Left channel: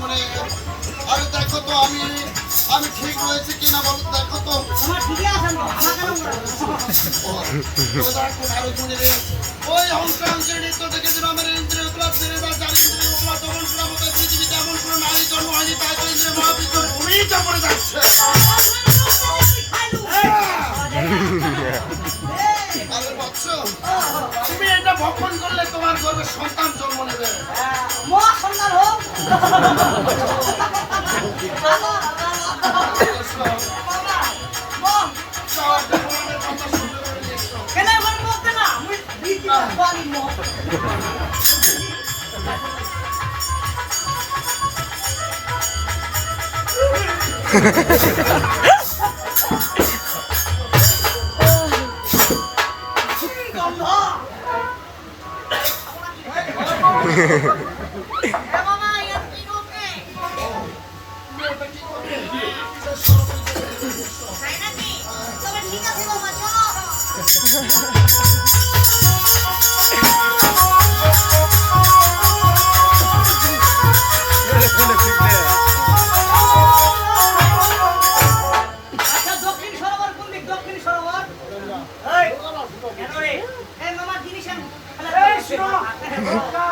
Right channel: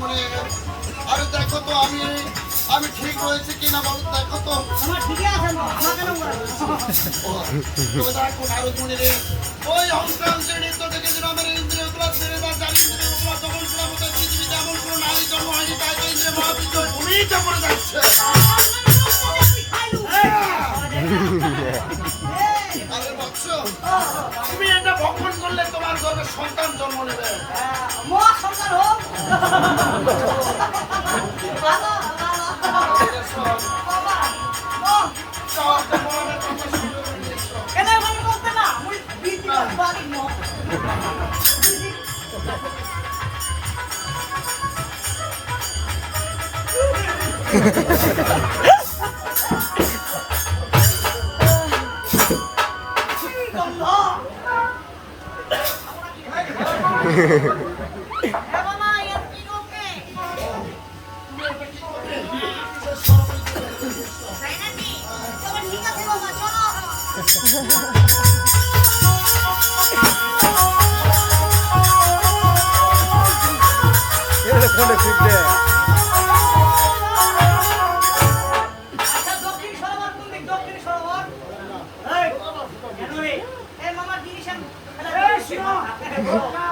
মনে আরে দেখো তো আমি আমি ঠিক রয়েছে কিনা বলো দেখো তো ওই অংশাং শ্রেণী তো দেখেছিল আমার ইন্দ্রিয় ক্লাব শ্রেণী বা চার ইন্দ্রিয় ক্লাব তখন ছিলাম পৃথিবীতে এমন কোনো নারী জন্ম হয়নি তাই তো ইন্দ্রিয় মহাবিদ্য ভূমিই জন্ম যাচ্ছে তাদের তুমি এটা ভক্ষণ করলে তোমার গর্বে সন্তান জন্ম নেবে সন্তান হোক Hey, Mama, give me some. Hello,